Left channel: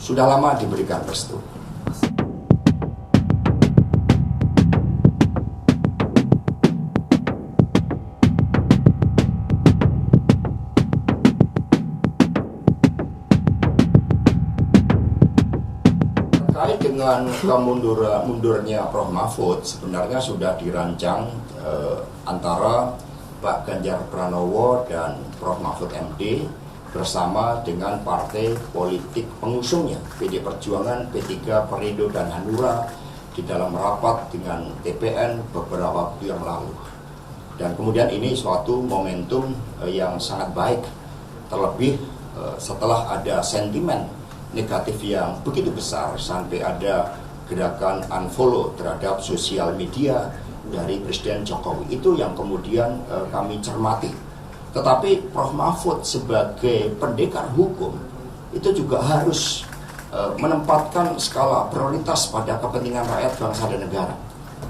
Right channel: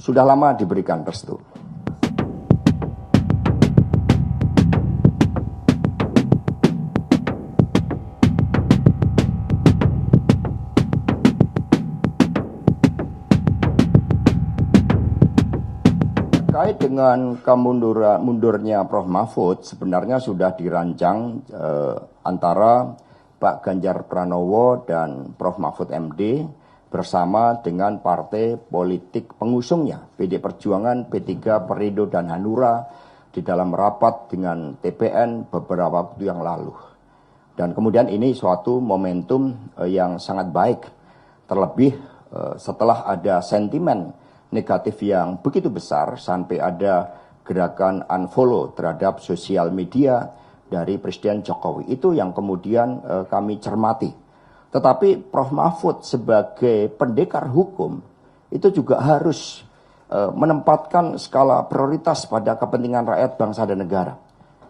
sudah lama diberikan restu. Terkait dengan mundurnya Prof. Mahfud, sebenarnya sudah dirancang antara Pak Ganjar Pranowo dan Prof. Mahfud MD bersama dengan partai politik pengusungnya, PD Perjuangan, P3, Perindo, dan Hanura di dalam rapat dengan TPN beberapa waktu yang lalu. Dan kemudian ini suatu momentum yang sangat baik, terlebih setelah ada sentimen negatif yang begitu besar sampai ada gerakan unfollow terhadap sosial media dari Presiden Jokowi. Itu yang kemudian kami cermati. Tetapi Prof. Mahfud sebagai pendekar hukum itu juga harus menempatkan skala prioritas pada kepentingan rakyat, bangsa, dan negara.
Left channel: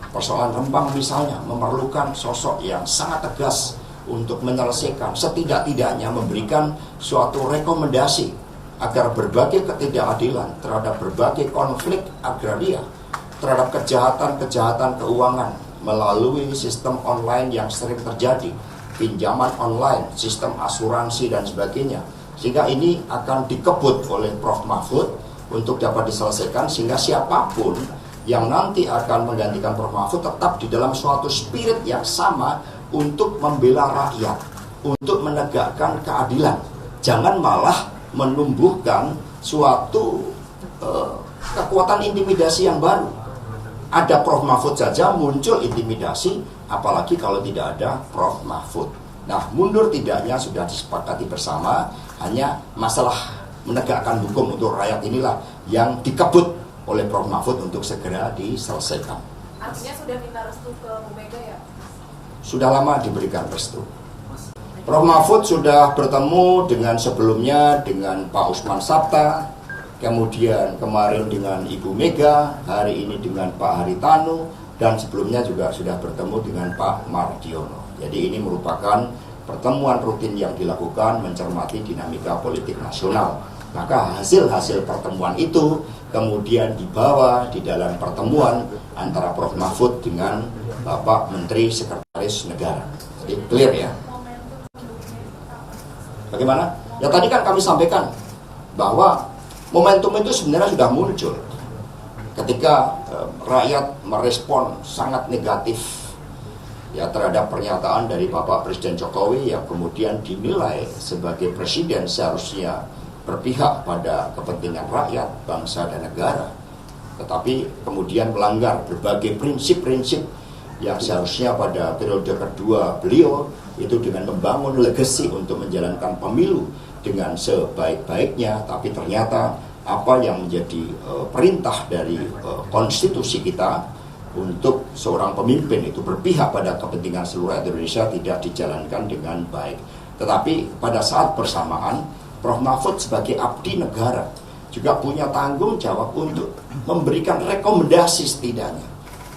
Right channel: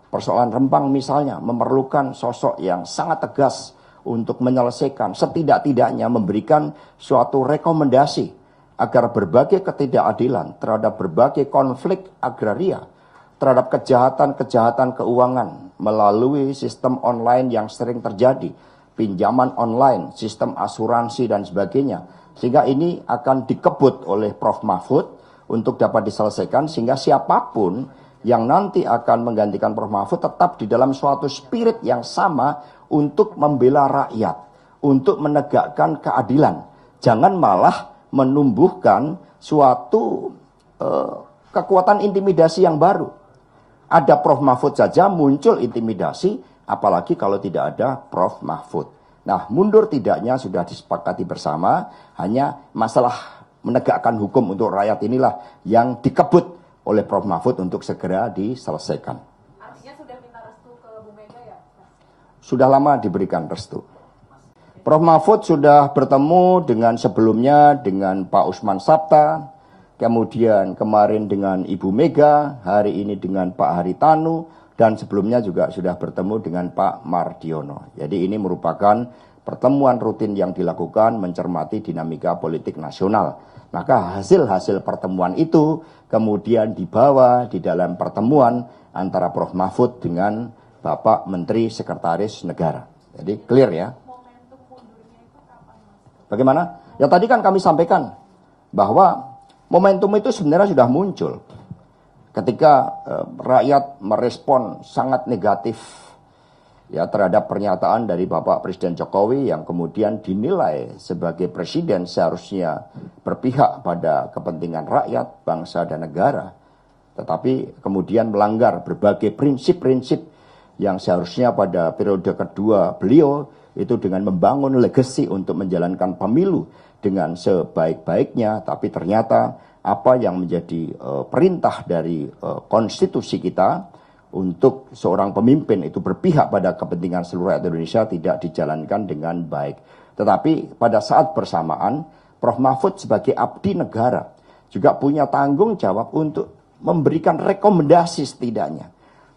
Persoalan Rempang misalnya memerlukan sosok yang sangat tegas untuk menyelesaikan, setidak-tidaknya memberikan suatu rekomendasi agar berbagai ketidakadilan terhadap berbagai konflik agraria, terhadap kejahatan-kejahatan keuangan melalui sistem online yang sering terjadi, pinjaman online, sistem asuransi, dan sebagainya. Sehingga ini akan dikebut oleh Prof. Mahfud untuk dapat diselesaikan, sehingga siapapun yang nanti akan menggantikan Prof. Mahfud tetap di dalam suatu spirit yang sama untuk membela rakyat, untuk menegakkan keadilan. Jangan malah menumbuhkan suatu kekuatan intimidasi yang baru. Ada Prof. Mahfud saja muncul intimidasi, apalagi kalau tidak ada Prof. Mahfud. Nah, mundur tidaknya sudah disepakati bersama, hanya masalah menegakkan hukum untuk rakyat inilah yang dikebut oleh Prof. Mahfud untuk segera diselesaikan. Artinya sudah minta restu ke Bu Mega ya? Sudah lama diberikan restu. Prof. Mahfud sudah bertemu dengan sebelumnya dengan Pak Usman Sabta, kemudian kemarin dengan Ibu Mega, hari ini dengan Pak Haritanu, dan sebelumnya juga sudah bertemu dengan Pak Mardiono. Jadi ini merupakan pertemuan rutin yang dilakukan mencermati dinamika politik nasional. Maka hasil-hasil pertemuan itu kemudian dibawa di dalam pertemuan antara Prof. Mahfud dengan Bapak Menteri Sekretaris Negara. Jadi clear ya. Bagaimana? Ya tadi kan kami sampaikan bahwa momentum itu sebenarnya sudah muncul ketika rakyat merespon sangat negatif ya terhadap pernyataan dari Bapak Presiden Jokowi yang kemudian dinilai sebagai presiden seharusnya berpihak pada kepentingan rakyat, bangsa, dan negara, tetapi kemudian melanggar berbagai prinsip-prinsip yang seharusnya pada periode kedua beliau itu dengan membangun legasi untuk menjalankan pemilu dengan sebaik-baiknya, tapi ternyata apa yang menjadi perintah dari konstitusi kita untuk seorang pemimpin itu berpihak pada kepentingan seluruh rakyat Indonesia tidak dijalankan dengan baik. Tetapi pada saat bersamaan Prof. Mahfud sebagai abdi negara juga punya tanggung jawab untuk memberikan rekomendasi setidaknya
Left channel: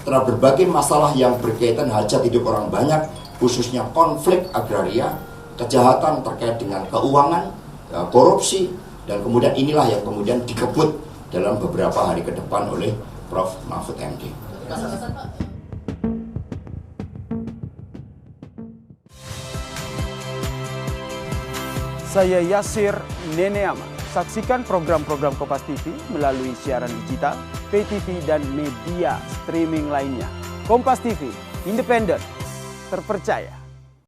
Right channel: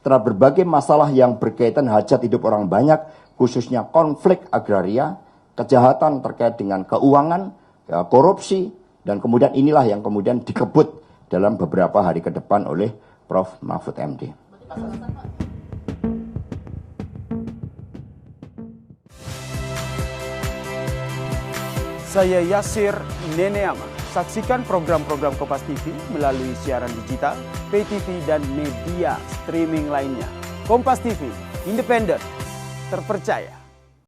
terhadap berbagai masalah yang berkaitan hajat hidup orang banyak, khususnya konflik agraria, kejahatan terkait dengan keuangan, korupsi, dan kemudian inilah yang kemudian dikebut dalam beberapa hari ke depan oleh Prof. Mahfud MD. Saya Yasir Neneama. Saksikan program-program Kompas TV melalui siaran digital, pay TV, dan media streaming lainnya. Kompas TV, independen, terpercaya.